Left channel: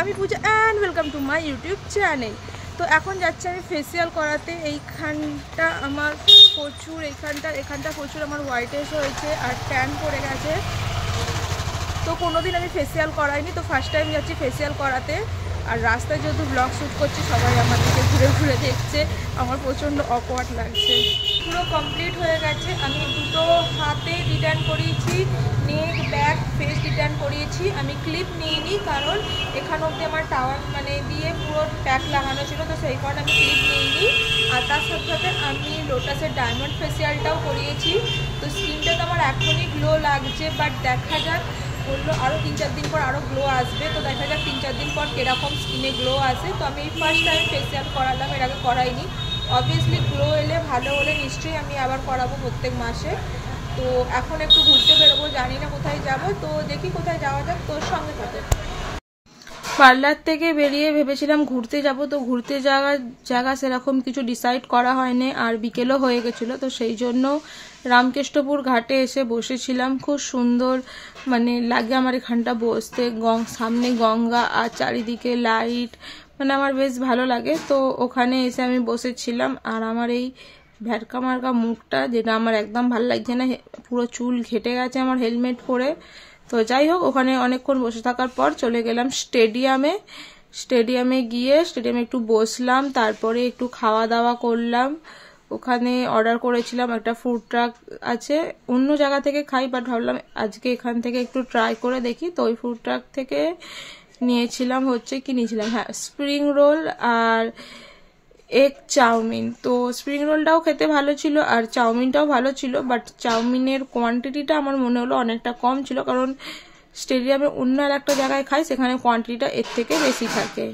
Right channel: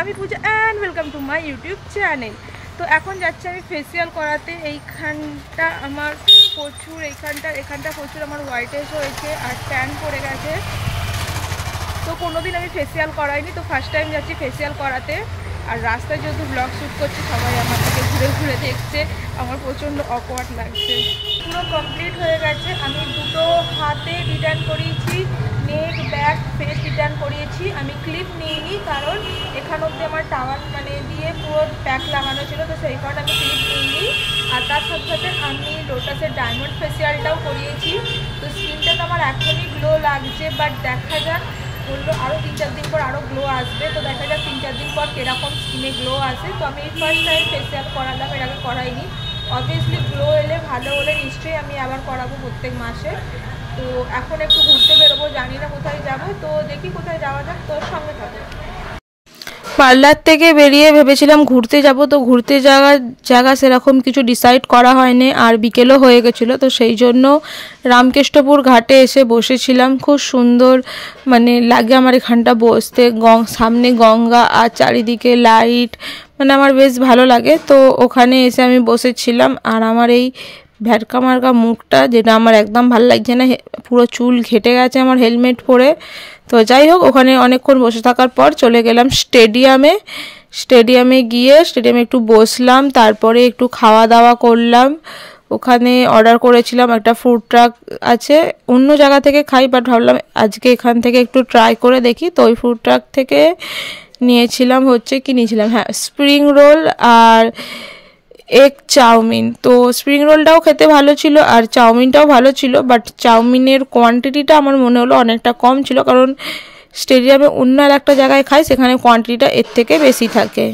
আমি Puja and welcome to my YouTube channel. তো এখন যাচ্ছি আমি ফেসিয়াল করাতে। এইখানটা আমার প্রচুর এখানটা প্রচুর আমার হোয়াইটেজ হয়েছে আর ট্যান পড়ে গেছে। তো কোনোদিন আমি ফেসিয়াল করাইনি, তো ফার্স্ট টাইম যাচ্ছি ফেসিয়াল করাতে। আর রাস্তায় যেহেতু ব্লগ শ্যুট করছে, সবাই আমার দিকে ঘুরে ঘুরে দেখছে, আমার প্রচণ্ড অকওয়ার্ড লাগছে। পুরো কমপ্লিট হয়ে গেছে। আমি দুটো হাতে রিটার্ন করিয়েছি, নেক ব্যাক ফেস রিটার্ন করিয়েছি। আমি ক্লিপ নিইনি, কারণ এখান অবধি আমার টাওয়ার দিয়ে পুরো প্যাক লাগানো ছিল, তো সেই কারণে আমি ক্লিপ নিইনি। আর তার সাথে সাথে আমি লোটাসের ডায়মন্ড ফেসিয়ালটাও করিয়েছি। তো স্কিনটা তো আমার এখনই গ্লো লাগছে, বাট দেখা যাক, বললো আরও 3-4 দিন পর আরও গ্লো আসবে। তো দেখা যাক 3-4 দিন পর কীরকম স্কিনে গ্লো আসে। তো আমি এই ফার্স্ট টাইম ফেসিয়াল করালাম, এর আগে করাইনি। অবভিয়াসলি গ্লো এলে ভালো হলে নিশ্চয়ই আমি আবার করাবো প্রত্যেক মাসে। তো এখন একটু ঘুরতে বেরোবো, জানি না কোথায় যাব, তো দেখি কোথায় যাওয়া যাক, তোর সঙ্গে থাকো। পার্লার থেকে বেরিয়ে ভেবেছিলাম ঘুরতে যাব, তো ঘুরতে যাওয়ার জায়গা সেরকম কিছু ডিসাইড করা হয়নি, আর বিকেলও হয়ে গেছিলো। তো সেই জন্য রামকৃষ্ণপুর ঘাটে এসে বসেছিলাম। খুব সুন্দর মানে লাগে আমার এখানটা বসতে, সামনে গঙ্গা আর চারিদিকে লাইট, মানে আমার বেশ ভালো লাগে। তো ওখানে এসে আমি বসেছিলাম, আর আমার এই ভ্যাটকা মার্কা মুখটা, যেটা আমার একদম ভালো লাগছে না, পুরো চুল ঘেটে গেছে আমার হেলমেট পরে। তো যাই হোক, ওখানে অনেকক্ষণ বসে থাকার পর চলে গেলাম স্টেডিয়ামে গিয়ে স্টেডিয়ামে একটু বসলাম, তারপরে একটু খাওয়া দাওয়া করলাম। ওখানে অর্ডার করেছিলাম, একটা ফুড ট্রাক আছে, অন্য জায়গা থেকে খাই, বাট ভাবলাম আজকে এখান থেকে একটু ট্রাই করে দেখি। তো ওই ফুড ট্রাক থেকে নিয়েছিলাম স্প্রিং রোল আর এগ চাউমিন। তো স্প্রিং রোলটাও খেতে ভালো ছিল আর চাউমিনটাও ভালো ছিল, বাট চাউমিনের কোয়ান্টিটিটা আমার মনে হলো অনেকটা কম ছিল, কারণ স্টেডিয়ামে অন্য আর একটা জায়গায় খাই, সেখানে কোয়ান্টিটিটা এর থেকে বেশি থাকে।